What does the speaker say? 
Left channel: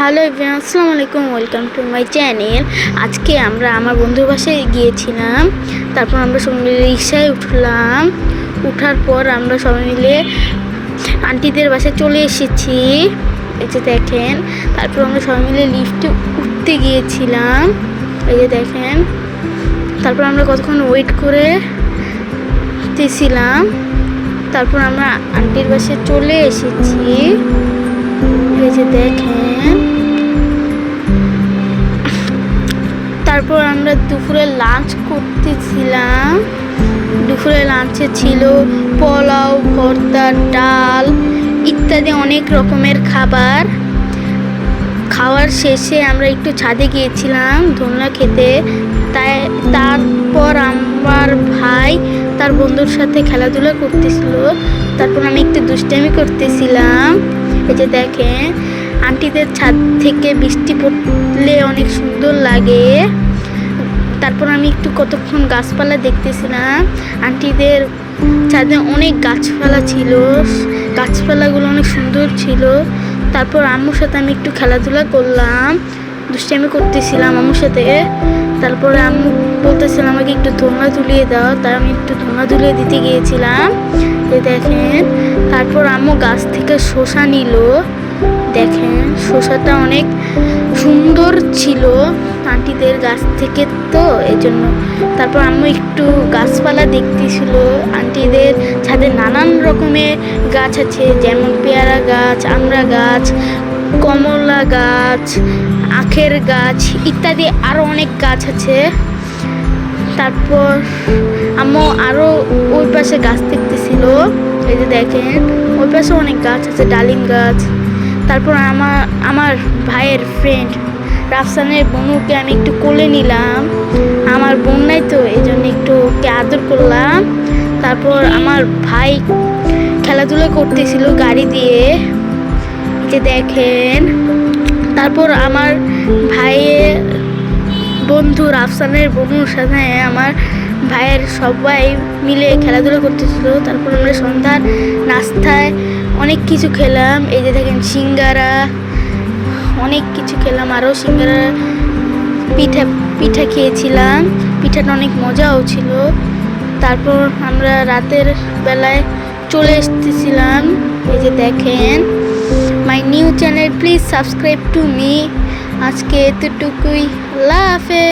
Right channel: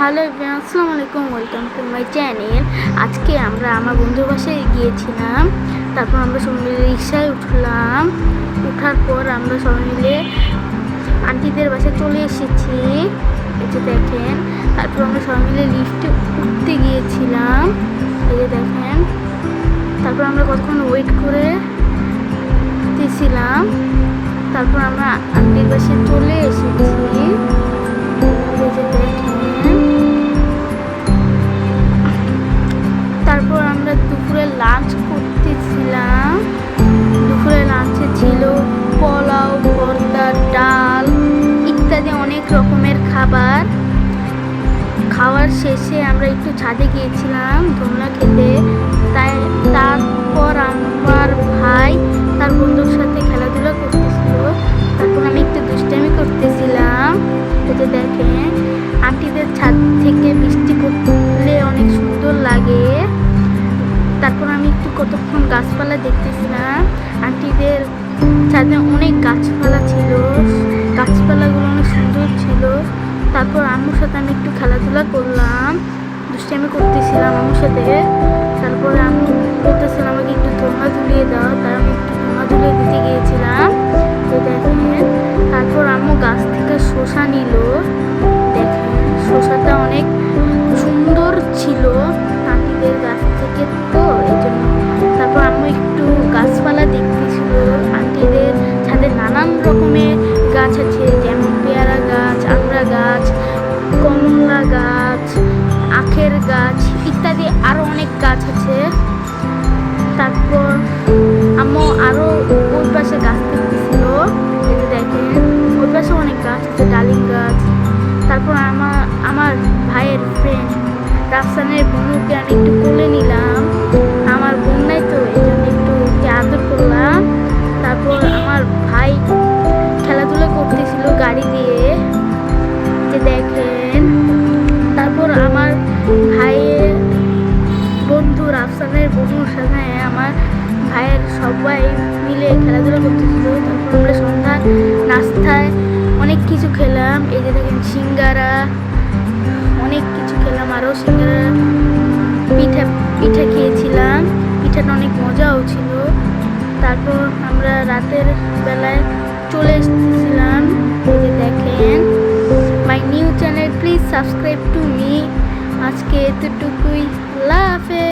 Hello everyone, আসসালামু আলাইকুম, welcome to my channel. আজকে আমরা আমার বন্ধুর বাসায় গিয়েছিলাম। তারপর আমরা সবাই মিলে রিক্সায় উঠলাম। উঠার পর আমরা সবাই মিলে আন্টিদের বাসায় চলে এসেছি, এই যে দেখেন। তারপর আমরা সবাই মিলে লিফটে উঠতে গিয়েছিলাম, এই যে দেখেন। তারপর আমরা কতক্ষণ ওয়েট করেছিলাম। তারপর আমরা আন্টির বাসায় চলে এসেছি, এই যে দেখেন। তারপর আমরা দুপুরে লাঞ্চ করতেছিলাম। দুপুরে লাঞ্চে ছিল পোলাও, ভর্তা, ডাল ইত্যাদি অনেক রকমের খাবার। খাওয়ার শেষে আমরা একটু ছাদে গিয়েছিলাম দোলনা খেতে। তারপর আমার ভাই তার বন্ধুর সাথে খেলাধুলা করতেছিল। তারপর আমি একটু দুষ্টামি করতেছিলাম, এই যে দেখেন। আন্টিদের ছাদ থেকে বৃষ্টি পড়লে অনেক সুন্দর লাগে। তারপর আমি একটু কতক্ষণ গাছপালা দেখতেছিলাম। আন্টিদের ছাদে অনেক গাছপালা ছিল, গাছপালাগুলো অনেক সুন্দর ছিল। তারপর আম্মুর সাথে আমি একটু খেলাধুলা করলাম, দুষ্টামি করতেছিলাম আম্মুর সাথে। তারপরে আম্মু বলতেছিল আমাকে একটু ধোঁয়া ধুলিয়ে দাও, তাই আমি একটু ধোঁয়া ধুলিয়ে দিতে গিয়েছিলাম, দেখেন। তারপর আম্মু গাছ থেকে শসা নিল, দেখেন। শসাটা অনেক সুন্দর ছিল আন্টিদের গাছ থেকে, তো এই জন্য। তারপর আম্মু একটু গাছপালা দেখতেছিল। আন্টিদের ছাদে নানান রকমের গাছ আছে, যেমন পেয়ারা গাছ, আমড়া গাছ, কমলা গাছ, আখের গাছ ইত্যাদি আরও অনেক গাছ আছে। তারপর আম্মু আরও ওই পাশে গাছ দেখতেছিল, এই যে দেখেন। ওই পাশে অনেক গাছ আছে, ডালিম গাছ। তারপর আমার ভাইয়ের ফ্রেন্ড রাফসানের বোনকে আমি একটু কোলে নিলাম। আমার বোন নাই তো, এই জন্য একটু ওকে আদর করলাম। তারপর আমার ভাই খেলাধুলা করতেছিল গাড়ি দিয়ে, যে দেখেন। তারপর আমার ভাইয়ের বন্ধু রাফসানের বন্ধুর সাথে আমার ভাইয়ের সবাই মিলে খেলাধুলা করতেছিল। তারপর আমরা সন্ধ্যার নাস্তায় অনেক কিছু খেলাম, এই যে দেখেন সিঙ্গারা, অনেক কিছু খেলাম। আরও সিঙ্গারা, পিঠা খেয়েছিলাম। পিঠাটা অনেক মজাও ছিল। তারপর আমরা রাতের বেলায় চলে এসেছিলাম, এই যে দেখেন। My new channel, please subscribe to me. আজকে এতটুকুই, আল্লাহ হাফেজ।